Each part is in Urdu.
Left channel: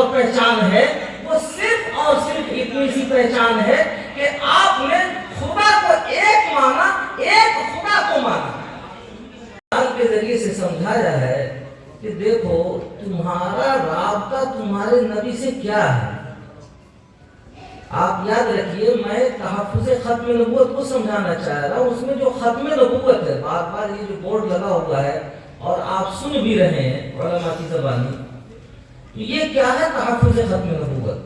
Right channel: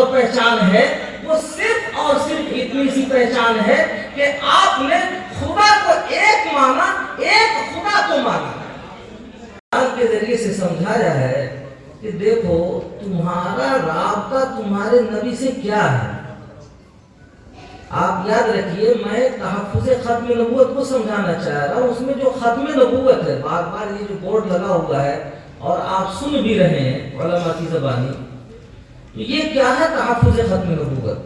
اور پہچان ہے وہ صرف اور صرف اتنی سی پہچان ہے کہ آپ نے خدا کو ایک مانا، ایک خدا کو مانا۔ قرآن کے ذریعے سے سمجھایا ہے کہ دیکھو تمہارا رابطہ تمہارے نبی سے کیا ہے۔ آپ یاد رکھیے میں تحفظ ختم نبوت کو سمجھانا چاہ رہا ہوں۔ اس میں جو ختم نبوت ہے، بار بار یہ جو بورڈ لگا ہوا ہے اور آپ سن بھی رہے ہیں علماء کی زبانی، یہ کیا ہے تحفظ ختم نبوت؟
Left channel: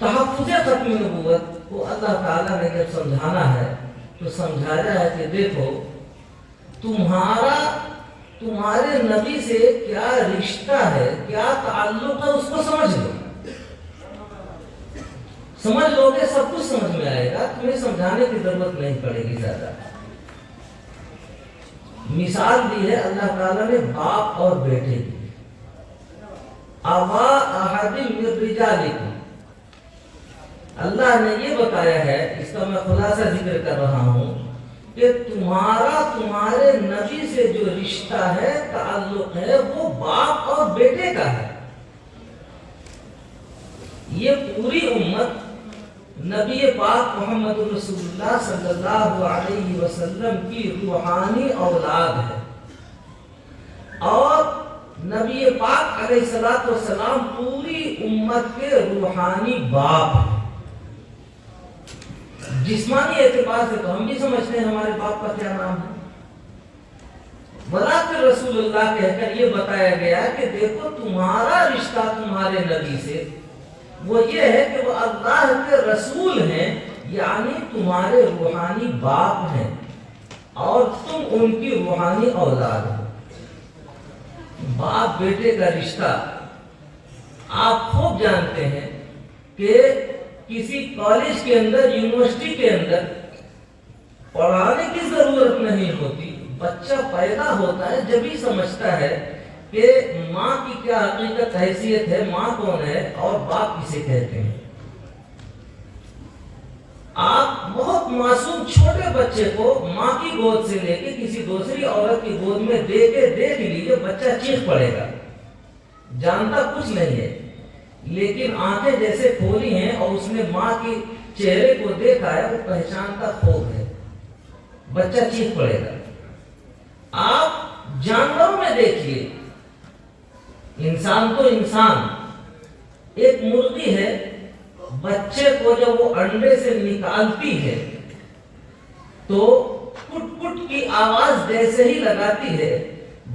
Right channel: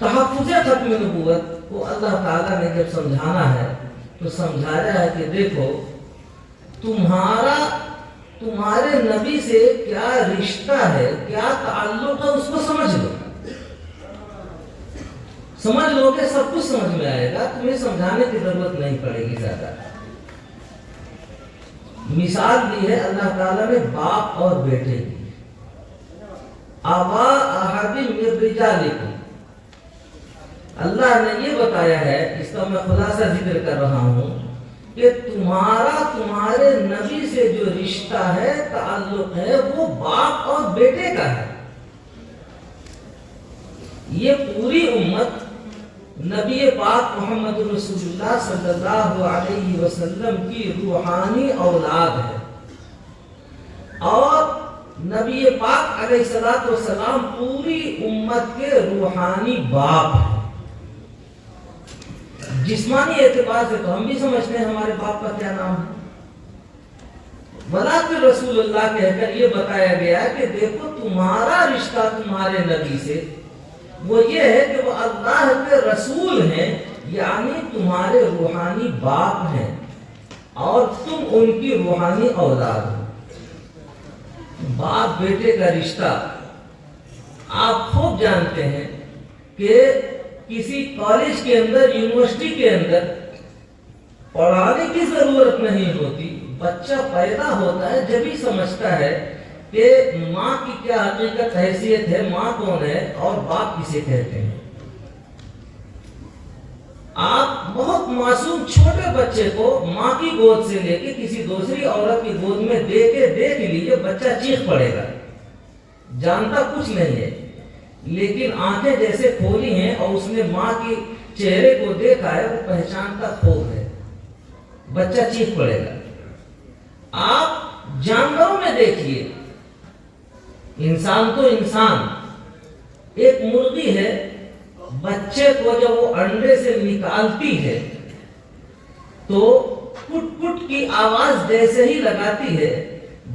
تحفظ ختم نبوت کو اللہ تعالیٰ نے جب سمجھانا ہے تو سمجھایا ہے کہ دیکھو تمہارے نبی سے کیا رشتہ ہے، کیا تعلق ہے، اس کو سمجھ لو۔ سمجھ لو کہ سب کچھ سمجھ میں آئے گا، تمہیں سمجھانے کی ضرورت نہیں پڑے گی زیادہ۔ مثال دی ہے اللہ تعالیٰ نے باپ اور بیٹے کی، آبا احد من رجالکم۔ اللہ نے یہ بتایا ہے، اس کا میں خلاصہ ذکر کر رہا ہوں کہ تمہارے نبی سے جو رشتہ ہے، تعلق ہے، وہ باپ اور بیٹے کا ہے۔ یہ پوری امت نبی پاک محمد رسول اللہ صلی اللہ علیہ وسلم کی روحانی اولاد ہے، اور نبی پاک علیہ الصلوۃ والسلام پوری امت کے روحانی باپ ہیں۔ جسمانی اعتبار سے تو ہم بھی سمجھتے ہیں ہمارے باپ کا کیا نام ہے، ولیکن رسول اللہ کہہ کر یہ بتایا گیا کہ دیکھو تمہارا رشتہ تمہارے نبی سے وہ یہ ہے کہ وہ اللہ کے رسول ہیں، یعنی تمہارے روحانی باپ ہیں اور تم ان کی روحانی اولاد ہو۔ باپ بیٹے کا رشتہ آپ خوب جانتے ہیں کہ کسی کالج کے اندر، یونیورسٹی کے اندر پڑھانے کی ضرورت نہیں ہوتی۔ بچہ پیدا ہوتا ہے جب ہی سمجھتا ہے کہ ماں کی کیا حقیقت حیثیت ہے، ماں کون ہے اور باپ کسے کہتے ہیں۔ آپ بہت معصوم چھوٹے بچے کو ماں کی گود سے لے کے کسی دوسری عورت کی گود میں دے کے دیکھ لیجیے، بچہ چیخ پڑے گا، جانتا کچھ نہیں ہے، لیکن آنکھیں جیسے کھولی ہیں اور اس نے ماں کے چہرے کو دیکھا ہے، وہ پہچانتا خوب ہے، بچہ چیخ پڑے گا۔ آپ جانوروں میں دیکھیے، انسان تو انسان، ایک مرغی ہے، بچے کو جب وہ انڈے سے نکالتی ہے تو کٹ کٹ کی آواز جیسے ہی لگاتی ہے،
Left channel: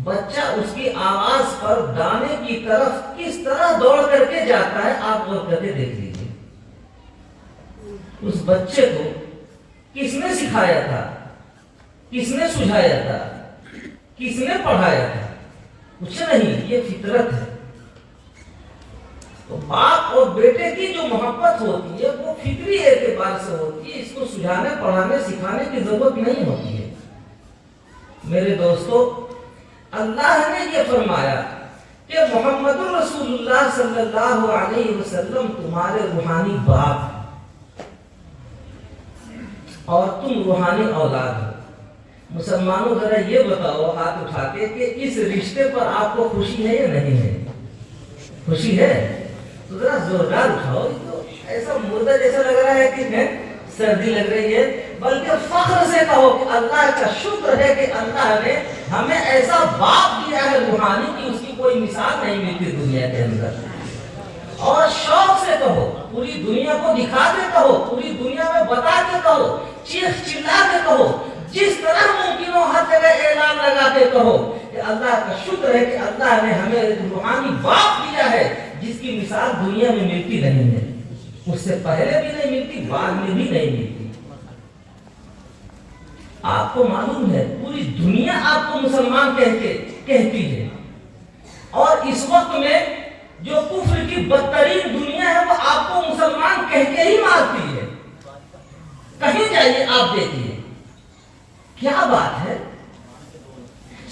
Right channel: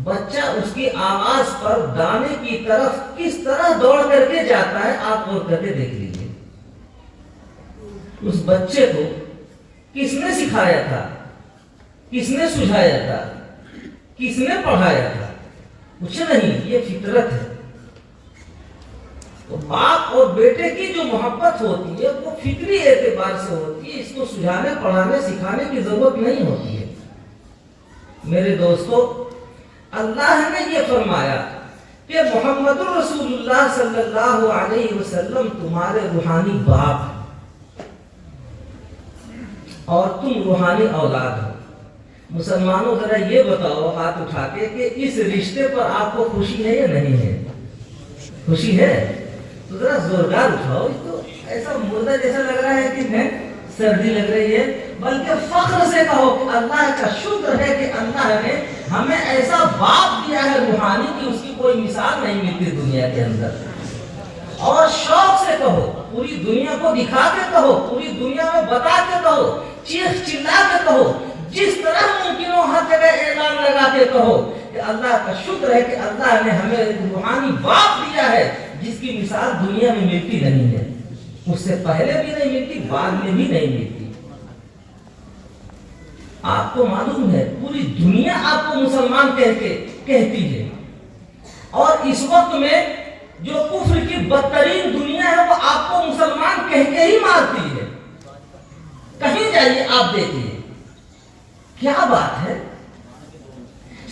بچہ اس کی آواز پر دانے کی طرف کس طرح دوڑ کر کے جاتا ہے، آپ غور کر کے دیکھ لیجیے۔ اس بچے کو کس نے سکھایا تھا، کس نے سجھایا تھا، کس نے پڑھایا تھا؟ کچھ نہیں، یہ فطرت ہے۔ تو باپ اور بیٹے کی جو محبت ہوتی ہے وہ فطری اعتبار سے ہوتی ہے، اس کو سجھانے، پڑھانے، سکھانے کی ضرورت نہیں ہوتی ہے۔ میرے دوستو، اللہ نے یہ فرمایا کہ محمد رسول اللہ صلی اللہ علیہ وسلم تمہارے روحانی باپ ہیں اور تم روحانی اولاد ہو۔ مسلمانوں ذرا یہ بتاؤ ہاتھ اٹھا کے کہ اس رشتے پر آپ کو خوشی ہے یا نہیں ہے؟ خوشی ہے تو ذرا زوردار اٹھاؤ۔ اس تو ایسا مردہ جیسا لگ رہا ہے کہ سردی لگ رہی ہے، بلکہ فخر سے کہو کہ اللہ کا شکر ہے کہ اللہ نے ہمیں ایسا باپ دیا ہے روحانی کہ اس کی کوئی مثال نہیں ملتی دنیا کے اندر۔ اور شوق سے کہو، پوری دنیا کو دکھا کے کہو، پوری دنیا میں بتا کے کہو، چیخ چلا کے کہو، جس طرح ممکن ہو ہر جگہ اعلان لگا کے کہو کہ اللہ کا شکر ہے کہ اللہ نے ہمیں روحانی باپ دیا ہے جس کی مثال دنیا میں ملتی نہیں ہے، اس سے پہلے بھی نہیں ملتی، بعد میں بھی نہیں ملتی۔ آپ کو معلوم ہے پوری دنیا آپ کو مسلمان کہتی ہے، اور اس وقت میں جو کفر کی بدترین دنیا ہے وہ آپ کو مسلمان کہہ کے ہی مارتی ہے۔ کہیں جائیے آپ دیکھیے کیا بات ہے،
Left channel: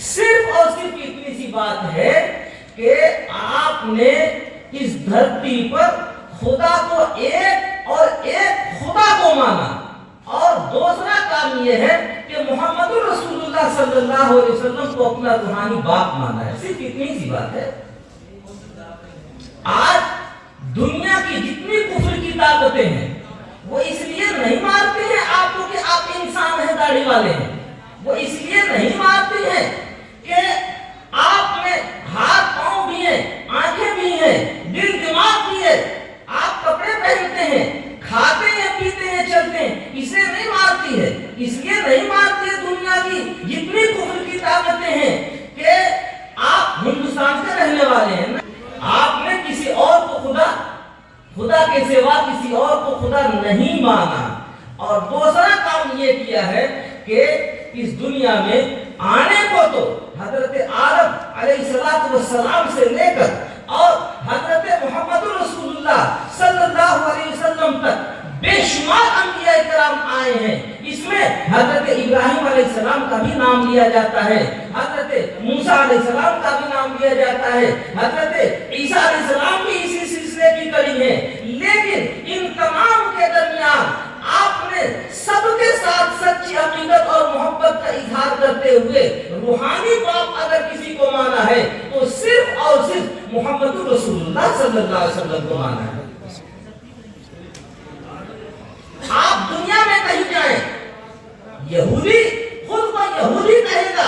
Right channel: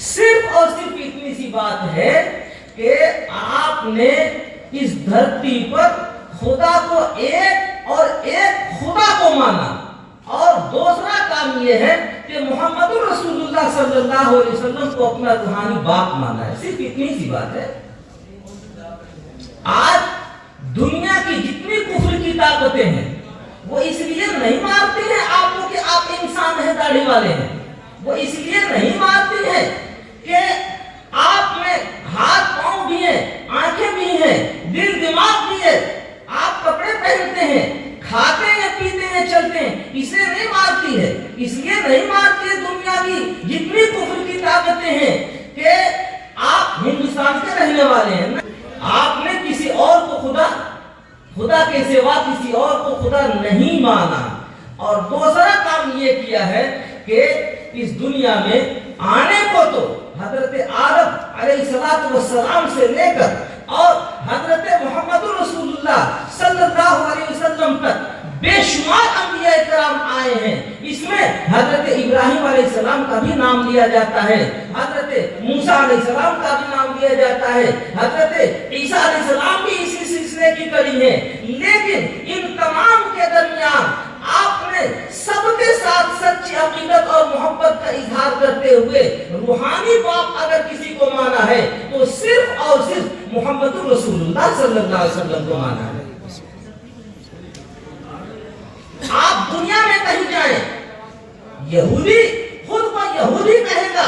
صرف اور صرف اتنی سی بات ہے کہ آپ نے اس دھرتی پر خدا کو ایک اور ایک خدا کو مانا، اور دوسرا کام یہ ہے کہ محمد رسول اللہ صلی اللہ علیہ وسلم کو اپنا روحانی باپ مانا ہے۔ صرف اتنی سی بات ہے۔ آج دنیا کی جتنی کفر کی طاقتیں ہیں وہ اس لیے نہیں مارتی ہیں آپ کو کہ آپ انسان ہیں، داڑھی والے ہیں. وہ اس لیے نہیں مارتی ہیں کہ آپ میں ہاتھ پاؤں بھی ہیں، آنکھیں بھی ہیں، دل دماغ بھی ہے، آپ کپڑے پہنتے ہیں، کھاتے ہیں، پیتے ہیں، چلتے ہیں. اس لیے نہیں مارتی ہے. اس لیے نہیں مارتی ہے دنیا کی جتنی کفر کی طاقتیں ہیں کہ آپ ہندوستان کے رہنے والے ہیں نا، آپ نے کسی اور کو خدا کے سوا کسی اور کو خدا نہیں مانا. اور دوسرا کام یہ کیا ہے کہ اس دنیا میں آنے کو تو حضرت آدم علیہ السلام سے لے کر اور حضرت محمد رسول اللہ صلی اللہ علیہ وسلم تک بے شمار انبیاء کرام آئے ہیں. اس میں حضرت ابراہیم علیہ السلام کا بھی نام لیا جاتا ہے، حضرت موسیٰ علیہ السلام کا بھی نام لیا جاتا ہے، حضرت عیسیٰ علیہ السلام بھی اسی سلسلے کی کڑی ہے. لیکن ان تمام کے درمیان آپ نے سب کے ساتھ سچی عقیدت اور محبت کا اظہار کرتے ہوئے روحانی باپ اگر کسی کو مانا ہے تو صرف اور صرف محمد رسول اللہ صلی اللہ علیہ وسلم کو مانا ہے. آپ دنیا میں کہیں جائیں، یہودی خود کو یہودی کہے گا،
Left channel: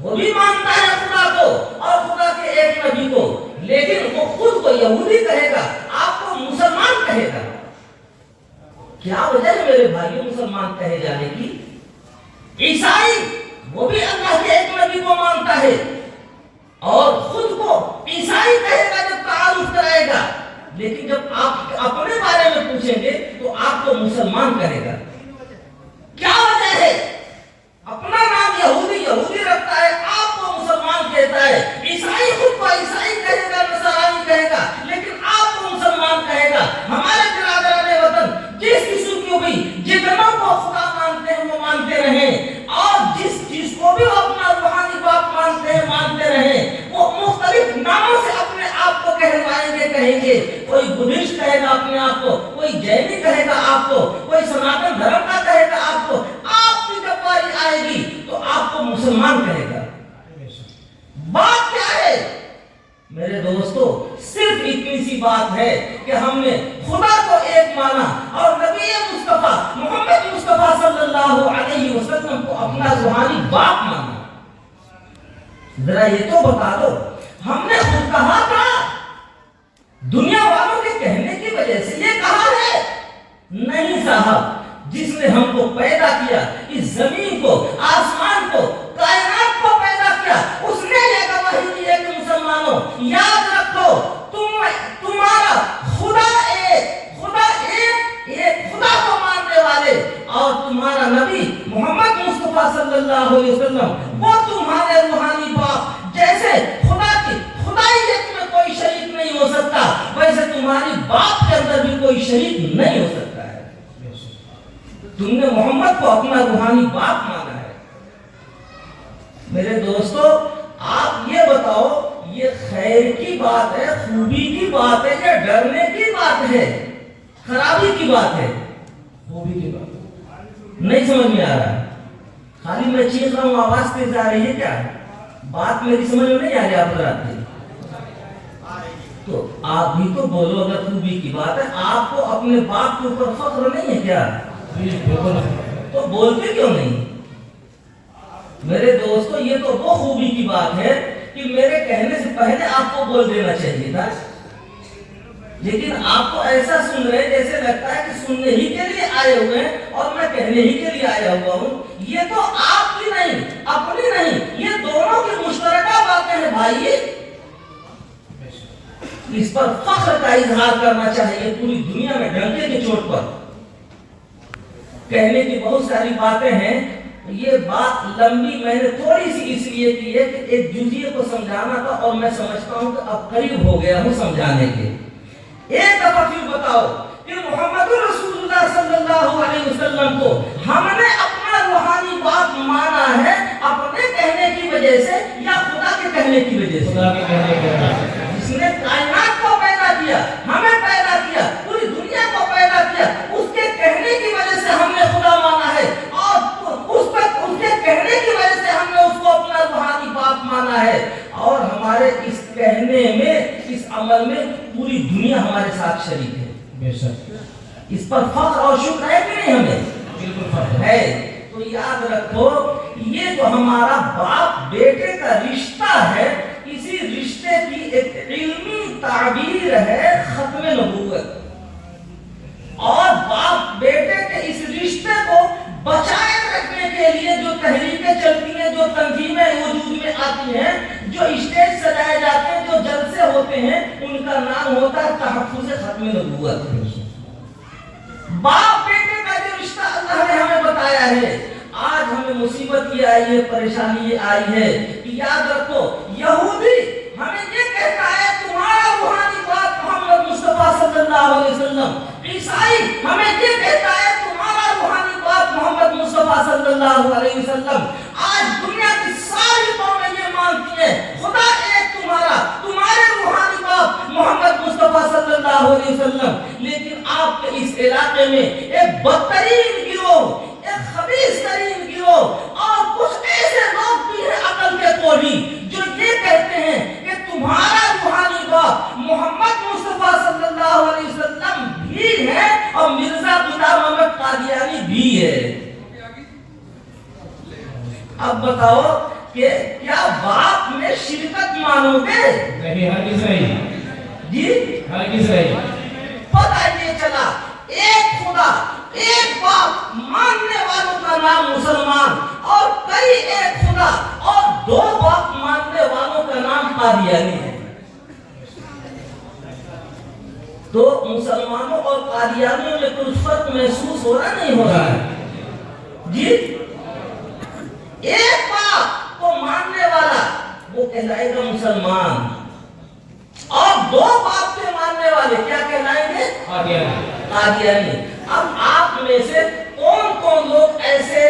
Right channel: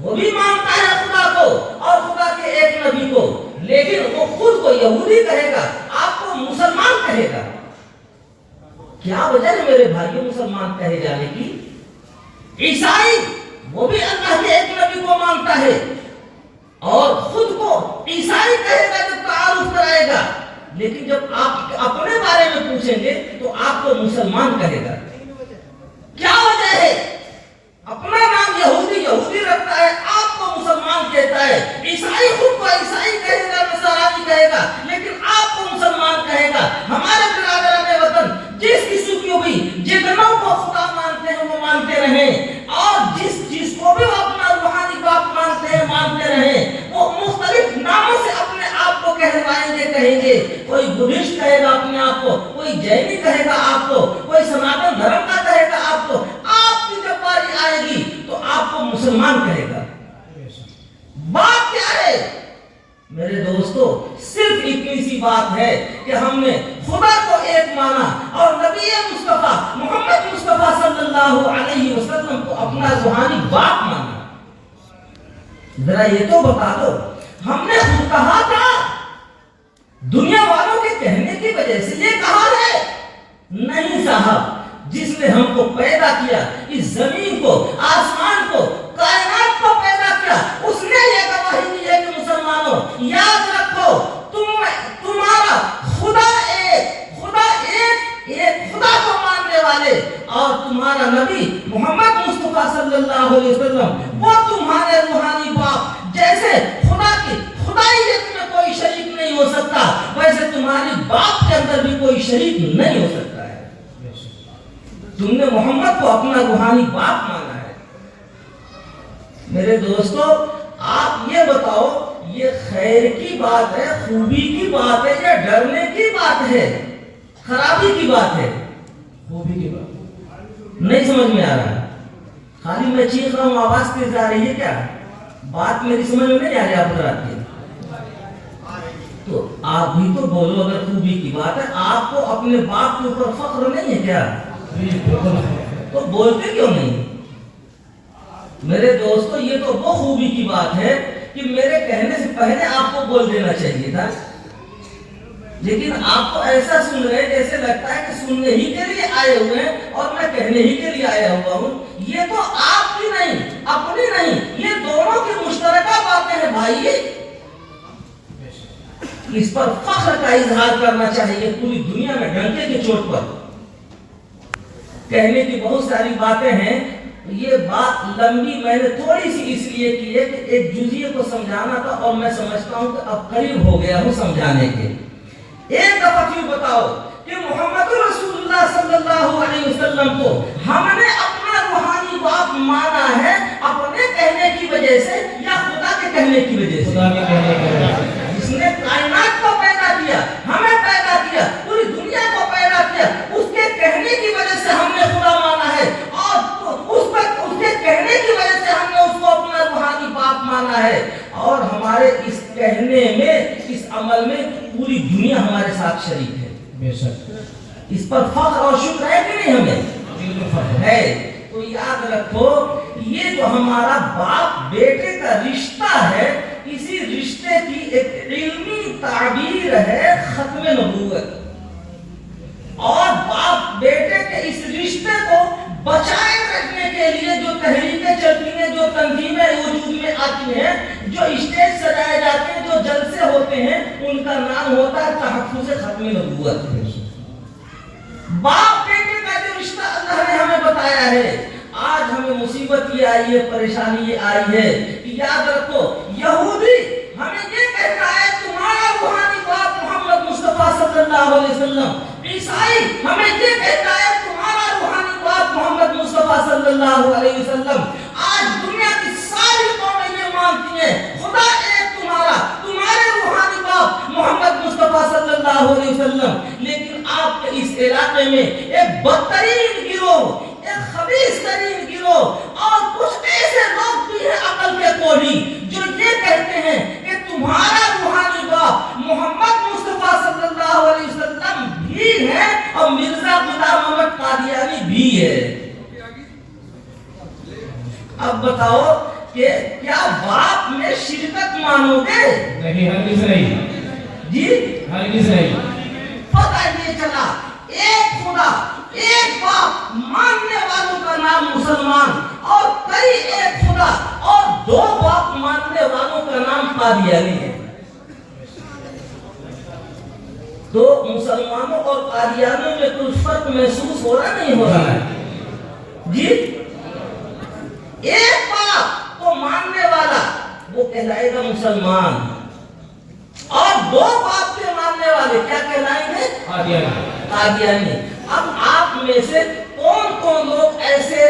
وہ بھی مانتا ہے خدا کو اور خدا کے ایک نبی کو، لیکن وہ خود کو یہودی کہے گا، آپ کو مسلمان کہے گا. کیا وجہ ہے میرے بھائیوں مسلمان کہے جانے کی؟ عیسائی وہ بھی اللہ کے ایک نبی کو مانتا ہے اور خود کو عیسائی کہے گا جب تعارف کرائے گا، لیکن جب آپ اپنے بارے میں پوچھیں گے تو آپ کو مسلمان کہے گا. کیا وجہ ہے؟ اپنا نام یہودی رکھتا ہے، آپ کو مسلمان کہتا ہے. عیسائی خود کو عیسائی کہے گا، نصرانی کہے گا، لیکن آپ کو مسلمان کہے گا. ہمارے برادران وطن جس کسی کو بھی جتنوں کو خدا مانتے ہیں وہ مانتے رہیں، اور جس چیز کو بھی وہ اپنا روحانی باپ مانتے ہیں مانتے رہیں. وہ مختلف ناموں سے اپنے آپ کو کہلوائیں گے، کہیں گے. کوئی بدھسٹ کہے گا اپنے آپ کو، کوئی جینی کہے گا آپ کو، کوئی سناتن دھرم کا کہے گا آپ کو. آپ کی جب باری آئے گی تو آپ کو مسلمان کہے گا. بات کیا ہے میرے دوستو؟ صرف اتنی سی بات ہے کہ ہم نے خدا کو ایک مانا اور نبی مصطفیٰ محمد مصطفیٰ صلی اللہ علیہ وسلم کو اپنا روحانی باپ مانا. ذرا یہ تو بتا دو، ہم نے خود کہا تھا؟ دنیا والوں کے کہنے کی وجہ سے یہ کہا ہے؟ نہیں صاحب. جس نے ہم کو پیدا کیا، اس زمین کو، آسمان کو، کائنات کو پیدا کیا، اس نے یہ گواہی دی ہے کہ مسلمانوں یاد رکھو تمہارا خدا ایک خدا کو ماننے والے اور تمہارا نبی محمد مصطفیٰ صلی اللہ علیہ وسلم وہ تمہارے روحانی باپ. جیسے خدا کی خدائیت میں کوئی شریک نہیں ہو سکتا، ویسے تمہاری باپ کے اندر بھی کوئی شریک نہیں ہو سکتا ہے. تم نے محمد کو اپنا روحانی باپ مانا ہے. میرے دوستو آپ یہ بتاؤ، یہ خیر کی بات ہے، خوبی کی بات ہے یا ڈرنے کی بات ہے، خرابی کی بات ہے؟ خوبی کی بات. نہیں سمجھ میں آ رہا ہے؟ خالی میں چیخ رہا ہوں، آواز تیز آ رہی ہے کیا؟ بات میری سمجھ میں نہیں آ رہی آپ حضرات کی؟ تو آپ بھی تو بولو. اگر خوبی کی بات ہے، آپ کو اپنے باپ کے اوپر فخر نہیں ہے کیا؟ تو بولتے کیوں نہیں؟ میرے دوستو یہ تو وہ خوبی کی بات ہے کہ میرے کہنے سے پہلے آپ کو بول دینا چاہیے تھا، لیکن آپ تو ایسا سن رہے جیسے لگتا ہے کہ سننے ہی کے لیے آئے ہوئے ہیں اور میں کہنے ہی کے لیے آیا ہوا ہوں. یہ تو آپ کی نہیں، اپنی نہیں، یہ دونوں کی مشترکہ باتیں ہیں بھائی. اس پر فخر کا اظہار کرنا چاہیے پوری دنیا میں ڈنکے کی چوٹ پر. کہنے کی بہت ساری باتیں ہیں، یہ بات لمبی میں نے تھوڑی سی اس لیے کی ہے کہ ایک جزئیے کو سمجھانا تھا اور میں سمجھتا ہوں کہ اب قریب ہو گیا ہوں سمجھانے کے. ایک دفعہ پھر بتاؤ کہ محمد رسول اللہ صلی اللہ علیہ وسلم کو ہم نے اپنا روحانی باپ مانا ہے اپنے کہنے کی وجہ سے یا خدا کے کہنے کی وجہ سے؟ خدا کے کہنے کی وجہ سے. جس نے کائنات کو پیدا کیا، ہمیں پیدا کیا، پوری دنیا کو پیدا کیا، اس کے کہنے کی وجہ سے ہم نے خدا مانا ہے اور اس کے کہنے کی وجہ سے ہم نے اس کو اپنا روحانی باپ مانا ہے. اور ہمارے اس کہنے میں، اس عمل میں پوری دنیا ہمارے ساتھ شریک ہے. بے شک اس پر فخر اور شکر ہے کہ نہیں ہمیں؟ بالکل فخر ہے. تو یاد رکھو یہ جو ہمارا باپ بیٹے کا رشتہ ہے اسی رشتے کی ایک علمی تعبیر ہے ختم نبوت. اور باپ بیٹے کے اس رشتے کو بچائے رکھنے کے لیے جو تحریکیں چلتی ہیں، جو تنظیمیں وجود میں آتی ہیں، جو اسٹیج سجائے جاتے ہیں، جو جلسے ہوتے ہیں، ان کا نام ہوتا ہے تحفظ ختم نبوت. باپ بیٹے کا جو رشتہ اللہ نے ہمیں بتایا ہے. آج ہمیں مصیبت یہ آئی ہے، پریشانی یہ آئی ہے کہ یاد رکھو یہودی ہمیں یہ کہتا ہے تمہارا روحانی باپ محمد مصطفیٰ صلی اللہ علیہ وسلم. عیسائی ہمیں یہ کہتا ہے تمہارا روحانی باپ محمد مصطفیٰ صلی اللہ علیہ وسلم. آج دنیا کی ساری قومیں یہ مانتی ہیں خدا ایک تمہارے روحانی باپ محمد مصطفیٰ صلی اللہ علیہ وسلم. لیکن آپ کے اس علاقے میں ایک بدترین گروہ، ایک خبیث ترین گروہ اور کچھ ایسے لوگ بھی ہیں عقل کے کوڑی جو یہ کہتے ہیں کہ تمہارا روحانی باپ محمد مصطفیٰ صلی اللہ علیہ وسلم بھی ہے اور مرزا غلام احمد قادیانی بھی ہے. اب بتاؤ کہ کیا باپ میں شرکت مانو گے؟ نہیں، ہرگز نہیں جی ہرگز نہیں. پتہ یہ چلا ایک خدا ایک باپ ماننے والوں کا نام مسلمان اور کئی ایک خدا اور دو باپ ماننے والوں کا نام قادیانی ہے. تو مسلمانوں اور قادیانیوں میں کوئی فرق محسوس ہو رہا نہیں ہو رہا ہے؟ جی ایک باپ کو ماننے والا وہ کہلائے گا مسلمان اور دو باپ کے ماننے والے کیا کہلائیں گے؟ قادیانی. اب آپ میں سے کون کون لوگ ایسے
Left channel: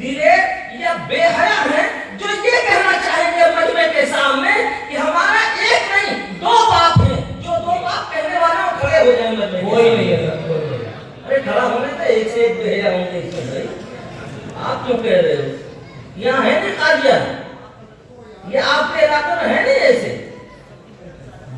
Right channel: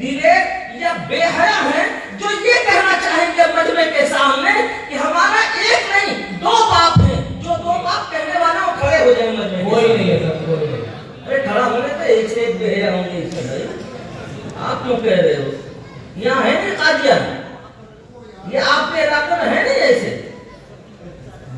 دلے یا بے حیا ہیں جو یہ کہنا چاہیں گے مجمع کے سامنے کہ ہمارا ایک نہیں دو باپ ہیں؟ جو دو باپ کہنے والے وہ کھڑے ہو جائیں مجمع. کوئی نہیں ہے سر، کوئی نہیں. ارے کھڑا ہونے تو ایک سے ایک بے حیا ہوں گے اس میں بھائی. آپ کیوں کہہ رہے ہو؟ یہاں ہے نہیں قادیان، یہ آپ کے علاقے میں ہے نہیں ایسے.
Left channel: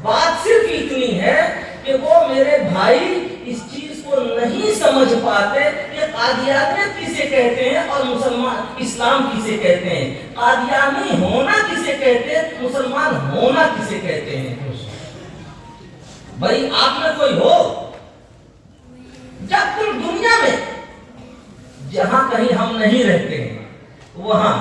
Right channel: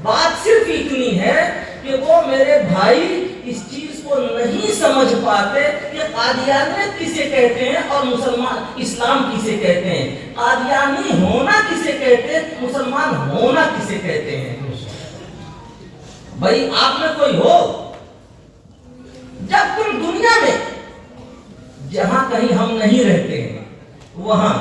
بات صرف اتنی ہے کہ وہ میرے بھائی اس چیز کو نہیں سمجھ پاتے کہ قادیانیت کسے کہتے ہیں اور مسلمان اسلام کسے کہتے ہیں، قادیانی ہونا کسے کہتے ہیں، مسلمان ہونا کسے کہتے ہیں. بھائی آپ میں کوئی ہو جب تم دنیا میں جہاں کہیں ہم نہیں رہتے ہیں وہاں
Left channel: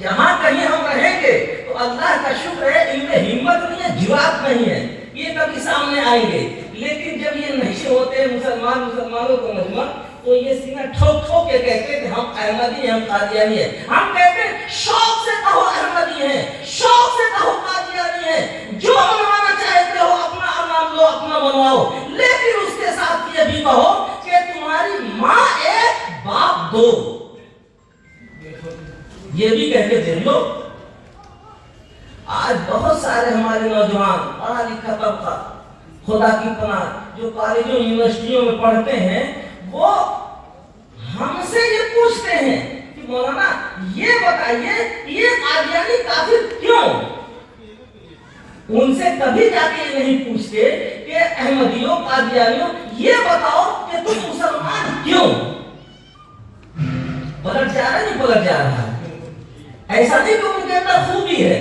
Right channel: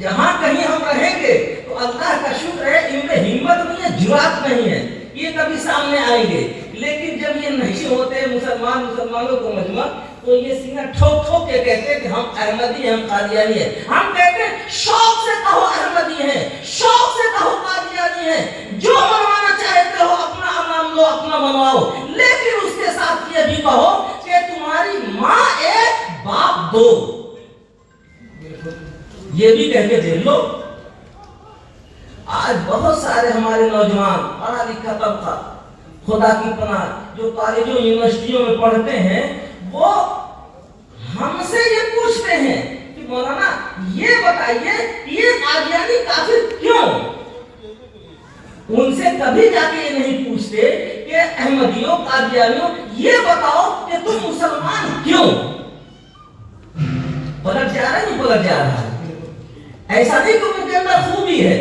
جہاں کہیں ہم رہیں گے تو اللہ کا شکر ہے ان میں ہمت نہیں ہے، جرات نہیں ہے، یہ کبھی سامنے آئیں گے. لیکن جب یہ نہیں ہوتے مسلمانوں کو مجمع تو یہ سینہ ٹھوک ٹھوک کے کہتے ہیں کہ ہم احمدی ہیں، ہم قادیانی ہیں. ہم کہتے ہیں شوق سے کہو احمدی ہیں، شوق سے کہو قادیانی ہیں، جو منوانا چاہتے ہو اپنا نام لو، اپنا منواؤ، لیکن اس کے ساتھ یہ بھی کہو کہ تمہاری ماں ایک باپ دو. یہ بھی کہہ کے دیکھ لو. آج بہت سارے ہمارے نوجوان پڑھا لکھا طبقہ خدا کی پناہ جو کالجوں یونیورسٹیوں میں پڑھتے ہیں وہ ہم سے یہ پوچھتے ہیں کہ مولانا یہ بتائیے یہ قادیانی کافر کیوں؟ ان سے کبھی جا کے یہ نہیں پوچھتے کہ احمدیوں قادیانیوں یہ بتاؤ کہ تم مسلمان کیوں؟ پلٹ جا رہا ہے نہیں پلٹ جا رہا ہے. ایسا نہیں کہ ان کے اندر خوبی ہے،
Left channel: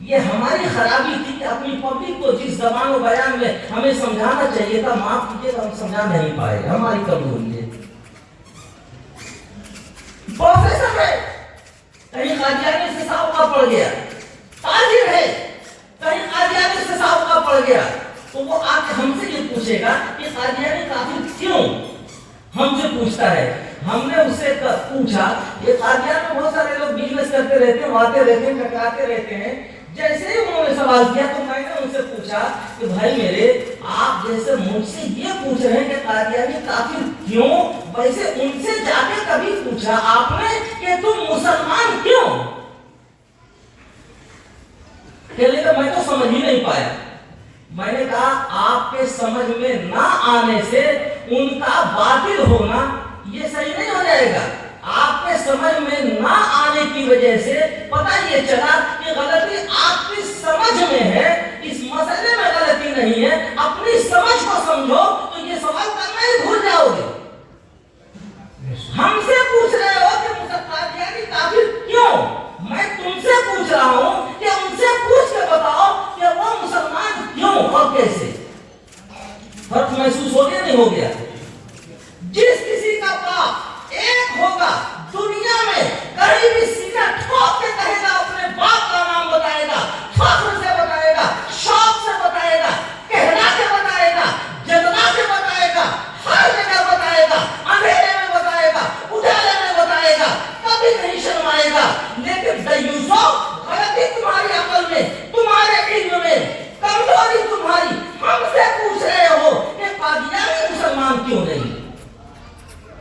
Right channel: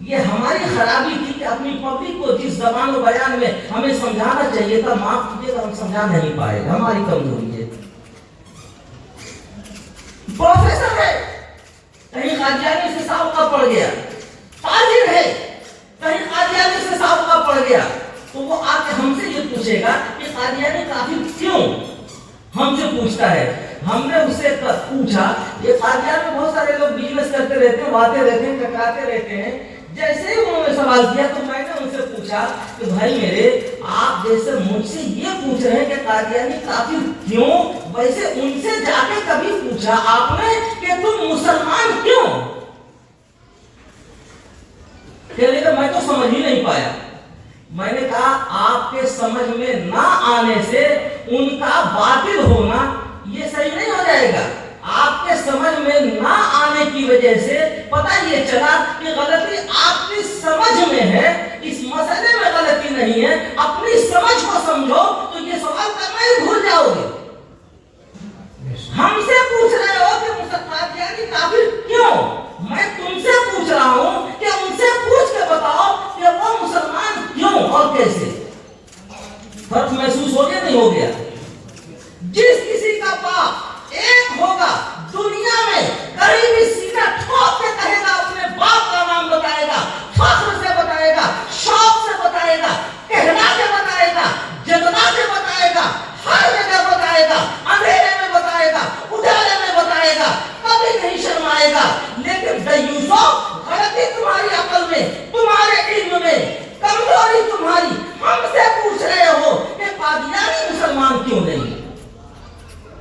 یہ ہماری خرابی تھی کہ اپنی پبلک کو جس زبان و بیان میں ہمیں سمجھانا چاہیے تھا معاف کیجیے تو ہم سمجھا نہیں پائے، ہماری کمزوری ہے. پروفیسر ہے کہیں قادیانی سے سابقہ پڑ گیا، تاجر ہے کہیں قادیانی سے سابقہ پڑ گیا، تو وہ آ کے ہم سے یہ پوچھے گا کہ قادیانی کافر کیوں؟ ہم سے پوچھتا ہے. ہم نے اس سے پوچھا یہ قادیان میں بہت سارے لوگ بزنس کرتے رہتے ہیں، وعدے رہتے ہیں، ٹکراتے رہتے ہیں. جیسے ہی انہوں نے سوال کیا تو میں نے ان سے پوچھا کہ بھائی میرے آپ جیسے مجھ سے یہ پوچھ رہے ہیں کہ قادیانی کافر کیوں، ویسے ان سے جا کے کبھی پوچھا آپ نے کہ تم مسلمان کیوں؟ کہ میں تو سمجھ ہی نہیں پایا. میں نے کہا آپ کے سمجھ میں نہ آنے سے ان کا باطل ہونا یہ صحیح نہیں ہو جائے گا. آپ کے سمجھ میں نہ آنے کی وجہ سے پتہ یہ چلا کہ غلطی آپ کی سمجھ میں ہے، اس مسئلے میں غلطی غلطی نہیں ہے, اپنی سمجھ کو سمجھو تو یہ سوال کرنا ہی بھول جاؤ گے. ہم سے پوچھ رہے ہو کہ قادیانی کافر کیوں؟ میں تم سے پوچھ رہا ہوں کہ ان سے پوچھ کے بتاؤ کہ وہ مسلمان کیوں اور کیسے. فرق محسوس ہو گیا نہیں ہو گیا؟ جس کسی کا باپ ایک ہوگا دنیا میں کہیں بھی سینہ ٹھوک کے کہے گا, اپنے باپ کا نام بتائے گا, فخر سے بتائے گا, شوق سے بتائے گا, کہنا کے بتائے گا, جتنا کے بتائے گا, ہر جگہ بتائے گا, اندھیرے میں بتائے گا, اجالے میں بتائے گا, کبھی نہیں شرمائے گا. لیکن دیوسو, غلطی تمہاری عقل میں, تمہارے علم میں, کمزوری تمہاری, ہم سے پوچھ رہے ہو کہ قادیانی مسلمان کیوں نہیں.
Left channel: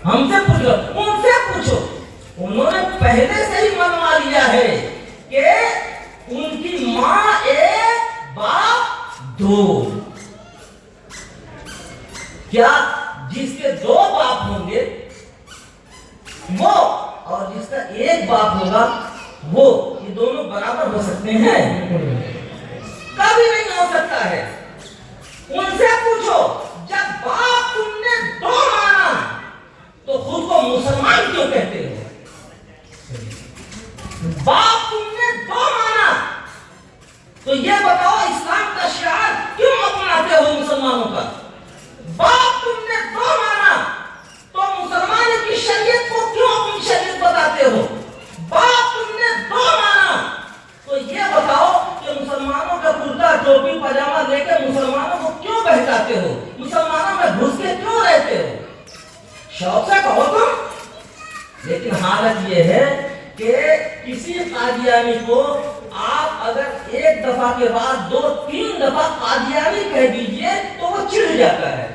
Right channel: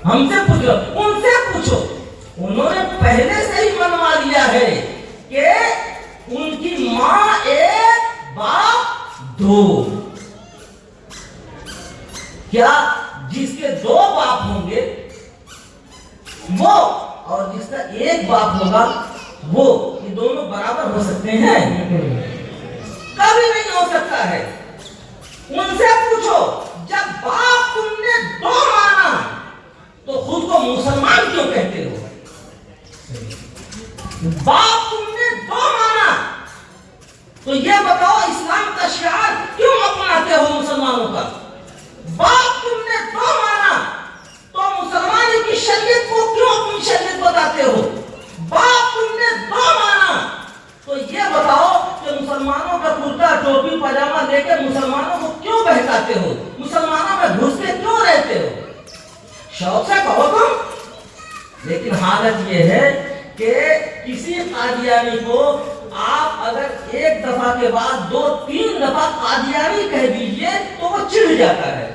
ہم سے پوچھو, ان سے پوچھو. انہوں نے پہلے سے ہی منوا لیا ہے کہ ان کی ماں ایک باپ دو. کیا جس کے دو باپ ہوں گے وہ اور جس کا ایک باپ ہوگا وہ, یہ دونوں برابر ہو سکتے ہیں؟ کبھی نہیں ہو سکتا ہے. ان سے پوچھو, جب باپ تم نے دو مانا تو خود کو مسلمان کیوں کہتے ہو؟ باپ تم نے دو مانا تو یہ بتاؤ اسلام کا شعار کیوں اپناتے ہو مسلمانوں کا؟ باپ تم نے دو مانا تو مسلمانوں کی شریعت کو کیوں اپنی شریعت بتاتے ہو؟ باپ تم نے دو مانا تو یہ بتاؤ کہ مسلمانوں کا کرتا ٹوپی پاجامہ لے کے مسلمانوں کو کیوں بہکاتے ہو؟ مسلمانوں میں گھس کے کیوں رہتے ہو؟ شوق سے کہو تم. لیکن حالت یہ ہے کہ کسی قادیانی کو آپ اگر ایک دفعہ کے بعد 2-3 دفعہ قادیانی کہہ دیجئے تو وہ چڑ جاتا ہے.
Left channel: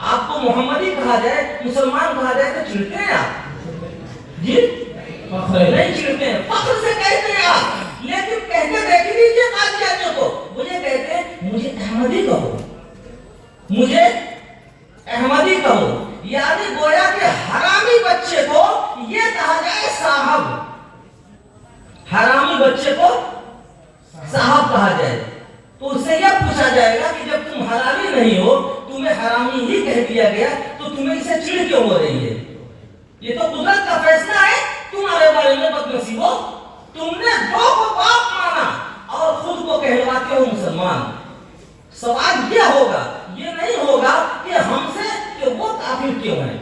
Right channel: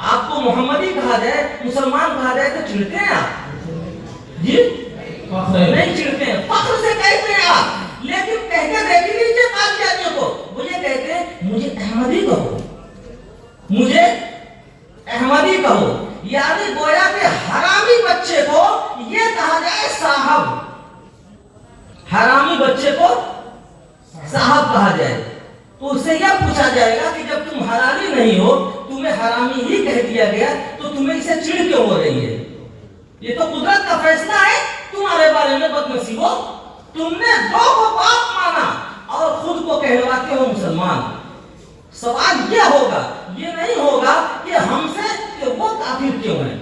آپ کو محمدی کہا جائے, مسلمان کہا جائے تو چڑھتے ہیں آپ؟ جی نہیں چڑھتے ہیں, فخر سے کہتے ہیں آپ. لیکن کہتے دیکھ لیجیے قادیانیوں کو, وہ یہ کہتے ہیں مجھے احمدی کہو, مجھے احمدی کہو. یعنی گویا کہ حرامی بچے کو یہ کہا جائے صاحب, حرامی بچے کو صاحب کہا جائے. تو اس سے یہ پوچھا جائے گا کہ جب تم حرامی نہیں ہو, تمہیں حرامی ہی کہہ دیا گیا, تو تمہیں اسے چڑ کیوں ہو رہی ہے؟ یہ تو قدرت کا فیصلہ ہے تمہارے بارے میں. بدنصیبو, تم نے دو کو باپ مانا اور خود کو کہلواتے ہو مسلمان. سوال یہ ہوگا, یہ نہیں ہوگا کہ ہم سے کہ وہ کافر کیوں ہیں.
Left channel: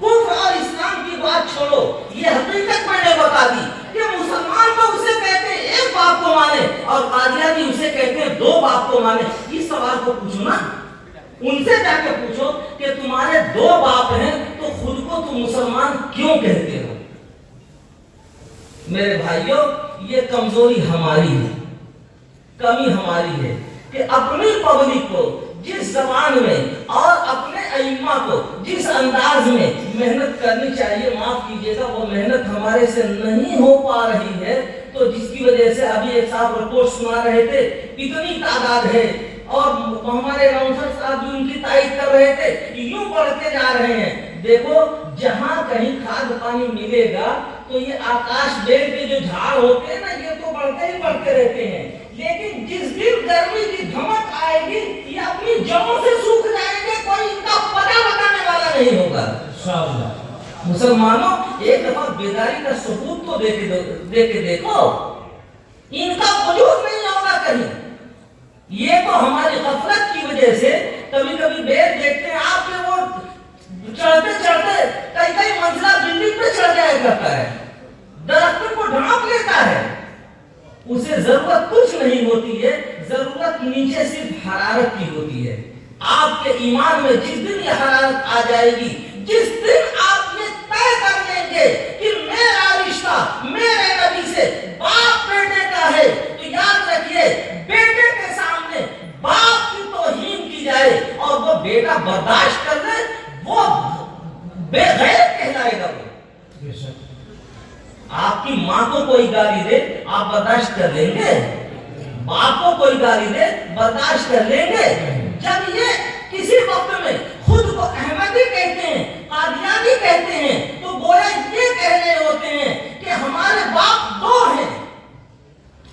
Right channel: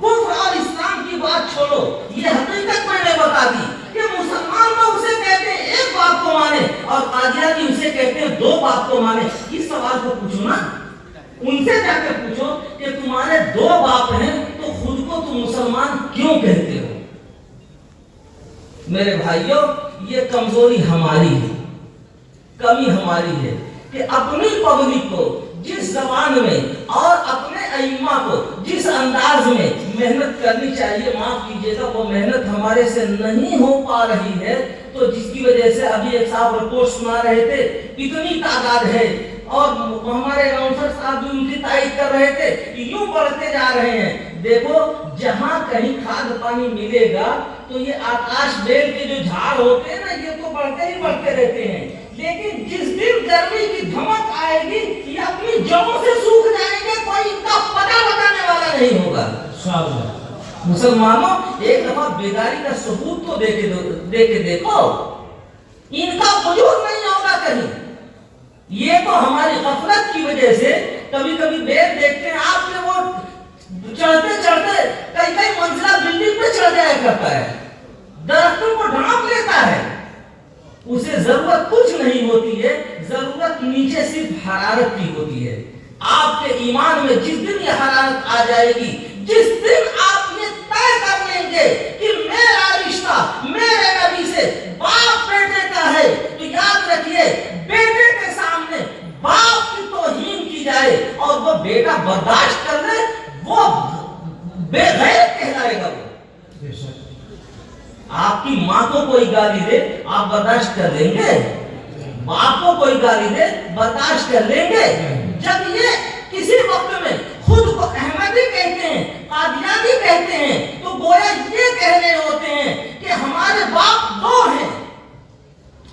کفر اور اسلام کی بات چھوڑو, یہ حقیقت میں نے بتا دی کہ مسلمان تو اسے کہتے ہیں ایک باپ کو مانے اور قادیانی اسے کہتے ہیں دو باپ کو مانے. اس سوال کو پوچھو نا, ان سے جا کے پوچھو کہ تمہارے دو باپ ہیں تو خود کو تم مسلمان کیوں کہتے ہو؟ میرے بھائیوں, یہ کمزوری ہماری ہے, کمی ہماری ہے کہ اپنی پبلک کو جس زبان میں اور اپنے ائمہ کو جس انداز میں محنت کرنی چاہیے, معاف کیجیے گا, وہ محنت ہمارے سے نہیں ہو پا رہی ہے. تو جس کی وجہ سے ابھی ایک صاحب رپورٹ سنا رہے تھے, اتنی تعداد ہے, اور ہمارے راؤنسر صاحب بھی ان کی تائید کر رہے تھے, یوں بڑھتے جا رہے ہیں. دیکھو, جہاں کہیں کھاد پانی ملے گا تو یہ آکاش بیل کے جو جھاڑ ہوتے ہیں نا, یہ تو بڑھتے ہی بڑھتے رہتے ہیں. لیکن جس دن گرمی کی دھمک آئے گی, یہ اپنی جڑوں سے سوکھ جائیں گے, کوئی ان کا پتہ بتانے والا نہیں ہوگا. مسلمانوں, ایک دفعہ بیداری کا ثبوت تو دے کے دیکھو, ان کا وجود نہیں ہوگا کہیں. یہ تو ہماری غفلت کی وجہ سے کبھی کبھی بیل دیکھتے ہیں آپ کے, وہ چڑھتے چڑھتے کئی منزلہ بلڈنگ پہ چڑھ جایا کرتا ہے, درختوں کو ڈھانپ لیتا ہے. اسے ضرورت کچھ نہیں ہوتی ہے, ضرورت نیچے صرف حرارت کی ہوتی ہے. آپ کے ایمان میں جس دن یہ حرارت آ جائے گی, جس دن آپ یہ طے کر لیں گے کہ میرا رشتہ میرے نبی سے باپ بیٹے کا ہے, تو یاد رکھیے بیٹے کے سامنے باپ کی توہین کی جائے اور وہ بیٹا برداشت کر لے, وہ بے غیرت کہلائے گا. وہ آپ کی ماں کو کوئی گالی دے, آپ برداشت کر لیں گے؟ باپ کو کوئی گالی دے, برداشت کر لیں گے؟ جب یہ کسی وقت میں خود کو احمدی کہتے ہیں, قادیانی کہتے ہیں, تو گویا یہ کہہ رہے ہوتے ہیں کہ ہمارے باپ دو ہیں.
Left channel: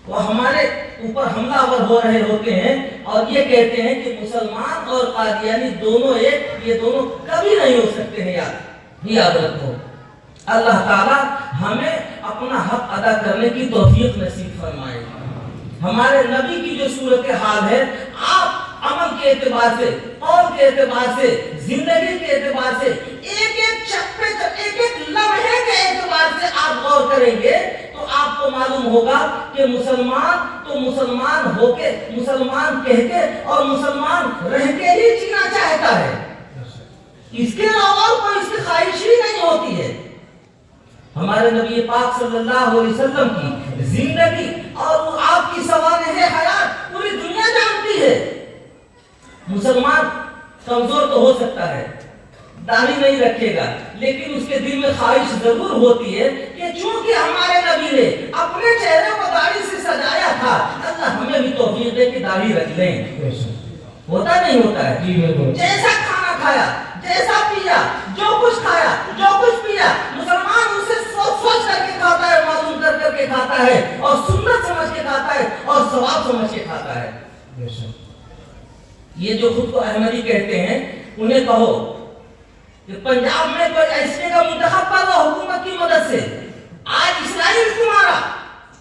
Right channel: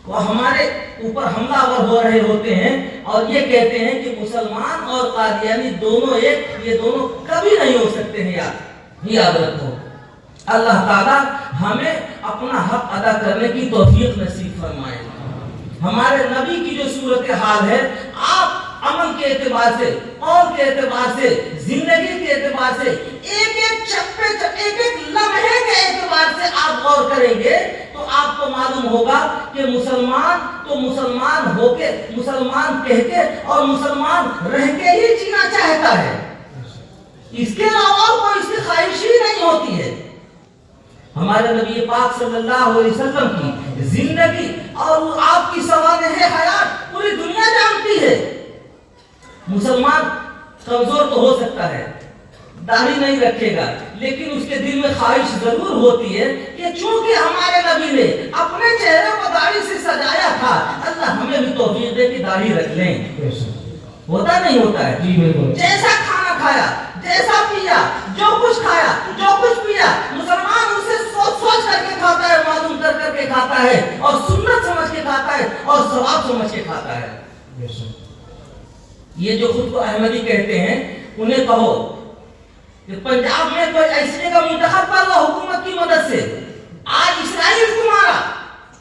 وہ ہمارے اوپر حملہ آور ہو رہے ہوتے ہیں اور یہ کہتے ہیں کہ مسلمان اور قادیانی دونوں ایک، یہ دونوں کبھی نہیں ہو سکتے ہیں، یاد رکھو۔ اللہ تعالیٰ ہمیں اپنا حق ادا کرنے کی توفیق نصیب فرمائے۔ ہمارے نبی کی جو صورتحال ہے، آپ عمل کے اعتبار سے، قول کے اعتبار سے، زندگی کے اعتبار سے، ایک ایک چپے ایک ایک لمحے کے اعتبار سے آپ غور کریں گے تو آپ کو معلوم ہوگا کہ مسلمان تو مسلمان ہو کے، مسلمان کہہ کے اور مسلمان رہ کے ہی جینا چاہتا ہے، اس کے علاوہ کوئی اس کی خواہش ہی نہیں ہوتی ہے۔ ہمارے نبی پاک صلی اللہ علیہ وسلم کی زندگی اور وہ آپ کی سوانح حیات پوری دنیا جانتی ہے۔ مسلمان کمزور تو ہو سکتا ہے، داڑھی نہیں رکھے گا، لیکن اس کے دل میں خواہش ضرور ہوتی ہے کہ چونکہ ہمارے نبی نے اپنے چہرے کو داڑھی سے سجایا تھا، اللہ ہمیں بھی توفیق دے کہ داڑھی رکھ لیں۔ ہوتا نہیں ہوتا ہے؟ جی بالکل۔ جیسا کھانا کھایا، جیسا پیا، جو کچھ کھایا، جو کچھ پیا، مسلمان اسے سوچ کر کے کھاتا ہے، معلوم کر کے کھاتا ہے، اور سنت سمجھ کے کھاتا ہے، اور ثواب سمجھ کے کھاتا ہے۔ یہ جو خود کو احمدی کہتے ہیں، انہیں کہو کہ پنجاب میں کوئی ایسے کا منتخب کر لو حکومت کی مدد سے، آج اسرائیل تمہارا،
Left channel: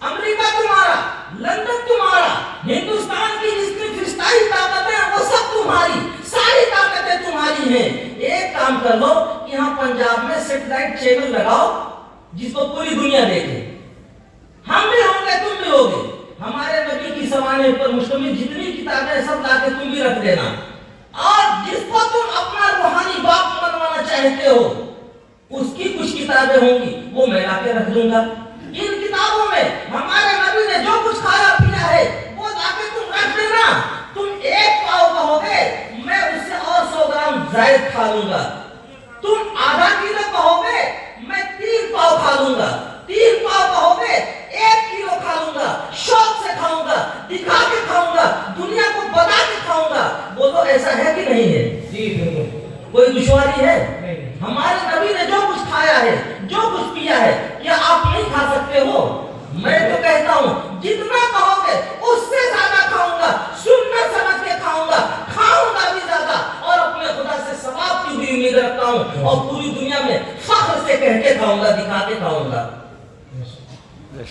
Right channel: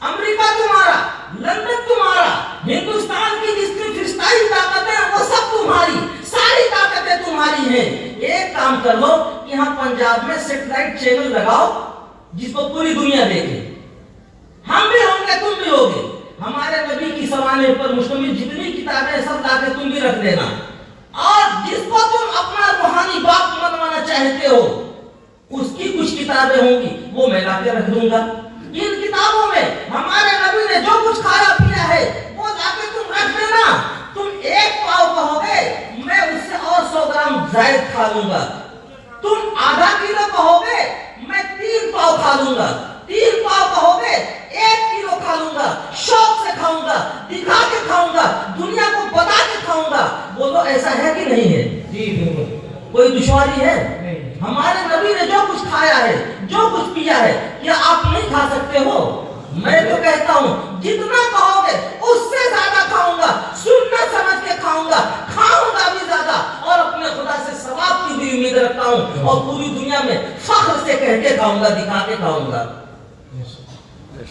امریکہ تمہارا، لندن تمہارا، ہندوستان کی جس کی فضائی طاقتیں ہیں وہ سب تمہاری، ساری طاقتیں تمہاری ہیں۔ ایک کام کر لو کہ یہاں پنجاب میں سیٹلائٹ چینل لگاؤ جس کو پوری دنیا دیکھے، ہم بھی ہوں گے، تم بھی ہوگے۔ ہمارے نبی کی سوانح پر مشتمل جتنی کتابیں سب لا کے تم بھی رکھ دینا، اور جس کو تم اپنا روحانی باپ منوانا چاہتے ہو اس کی کچھ کتابیں ہوں گی، وہ میں لا کے رکھ دوں گا۔ ان کتابوں میں ہمارے نبی نے جو کچھ کھایا پیا ہے وہ لا کے تم رکھ دینا۔ تم ایک پاؤ کہو گے، میں اس سے اور 100 گرام زائد کھا لوں گا۔ تم آدھا کلو کہو گے، میں 3 پاؤ کھا لوں گا۔ 3 پاؤ کہو گے، 1 کلو کھا لوں گا، شوق سے کھاؤں گا، دکھا کے کھاؤں گا، دنیا کو بتا کے کھاؤں گا۔ بولو ایسا ہے کہ نہیں ہے؟ جی بالکل۔ کوئی دشواری ہے؟ نہیں۔ ہمارے نبی نے جو کچھ کھایا ہے، جو کچھ پیا ہے، کیا آپ نہیں کھا سکتے ہو؟ میں تو کہتا ہوں جتنا کہو گے اس سے زیادہ کھاؤں گا، سنت سمجھ کے کھاؤں گا بھی زیادہ، اور اپنے خدا سے ثواب کی بھی امید رکھتا ہوں، اور پوری دنیا میں فخر سے کہہ کے کھاؤں گا، دکھا کے کھاؤں گا۔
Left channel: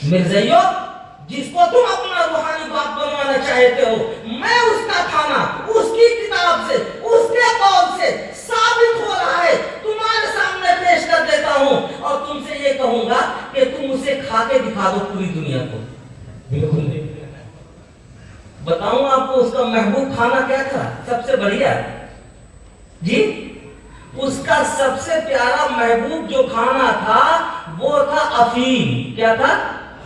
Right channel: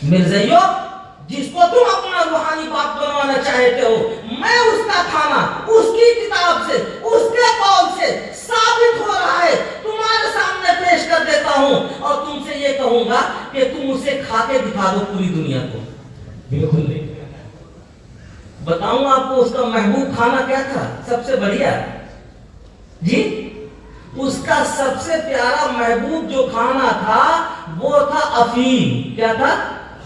مرزائیو، جس کو تم اپنا روحانی باپ بنوانا چاہتے ہو، میں اس کا کھانا اس کی کتاب سے، اس کے قول سے ثابت ہو رہا ہے تمہارے سامنے پیش کر دیتا ہوں، اور تم سے یہ کہوں گا کہ تم اسے کھا کے دکھا دو پوری دنیا کو۔ بالکل۔ بتاؤں آپ کو اس کا محبوب کھانا کیا تھا؟ سب سے بڑھیا جی، اس کا سب سے پیارا محبوب جو کھانا تھا وہ تھا افیم۔ کیا تھا؟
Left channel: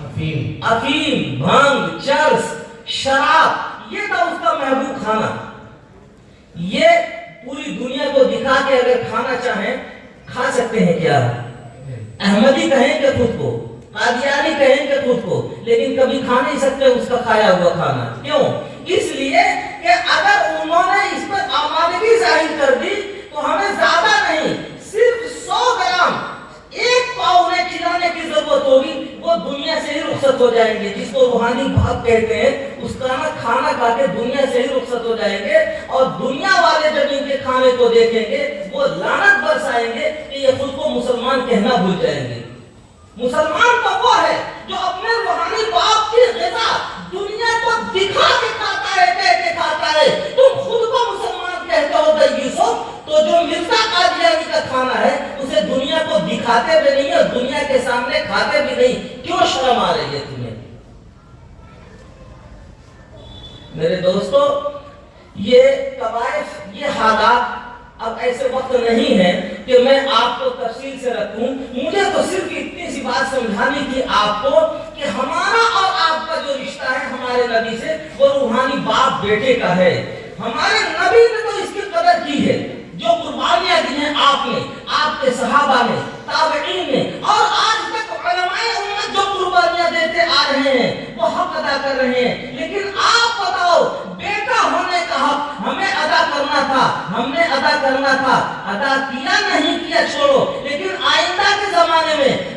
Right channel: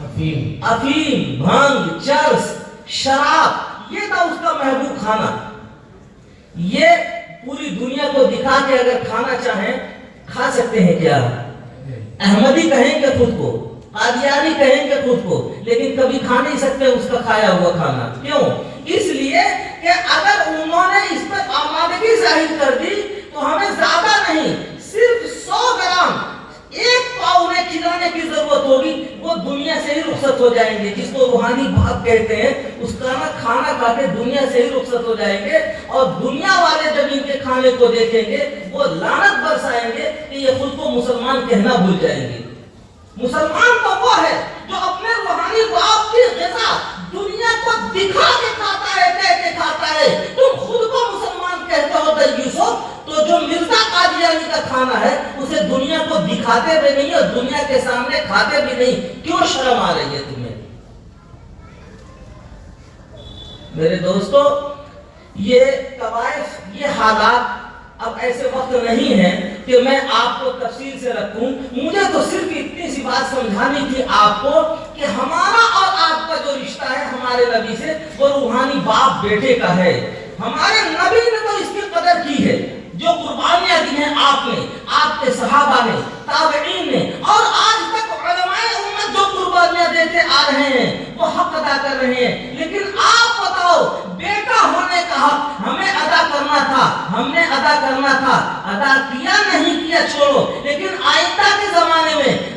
افیم، بھنگ، چرس، شراب، یہ تھا اس کا محبوب کھانا۔ یہ پوری دنیا کو دکھا کے اگر کھانا چاہیں کھا سکتے ہیں کیا؟ احمدی کہیں گے خود کو، قادیانی کہیں گے خود کو، لیکن کبھی کھا نہیں سکتے اس کا کھایا ہوا کھانا۔ کیوں؟ اس لیے کہ اگر انہوں نے اس پر آمادگی ظاہر کر دی تو ہمیں زیادہ نہیں، صرف 100 گرام، 1 پاؤ انہیں کھلانے کی ضرورت ہوگی، وہ دنیا سے ہی رخصت ہو جائیں گے، جس کو روحانی باپ کہتے ہیں۔ اس کا کھانا کھا کے دنیا سے ہی رخصت ہو جائیں گے، اور دنیا والے جب ان کے کھانے کو دیکھیں گے وہ لعنت برسائیں گے کہ یہ خود کو مسلمان کہنا بھول جائیں گے۔ مسلمان تو وہ ہے جو اپنے روحانی باپ کی غذا دنیا کو دکھا کے کھاتا ہے، کہہ کے کھاتا ہے۔ تم خود کو مسلمان کہتے ہو دیوسو، تو جو مرزا قادیانی کا کھانا ہے اسے دنیا کو دکھاتے بھی نہیں اور دنیا کے سامنے کھاتے بھی نہیں، کیوں شرم آ رہی ہے تمہیں؟ میرے دوستو، یہ طوائف، یہ حالات اب ایسے وقت نہیں ہے کہ میں آپ کو تفصیل سے رکھوں۔ مجھے تو صرف اتنی سی بات سمجھانی تھی آپ کو کہ ہمارا اور آپ کا جو رشتہ ہے ہمارے نبی سے، وہ روحانی باپ بیٹے کا ہے۔ ہمارے نبی نے تو اس کی قدر کی ہے، جو قربانیاں دی ہیں آپ نے، آپ کے صحابہ نے، تابعین نے، اور آج تک علماء امت جو قربانیاں دیتے آ رہے ہیں وہ حق ادا کر رہے ہیں۔ لیکن آپ بتاؤ، بیٹا ہونے کا حق ہمیں ادا کرنا تھا، ہم نے ادا کرنا تھا، ادا کیا نہیں کیا چھوڑو، لیکن آئندہ کے زمانے میں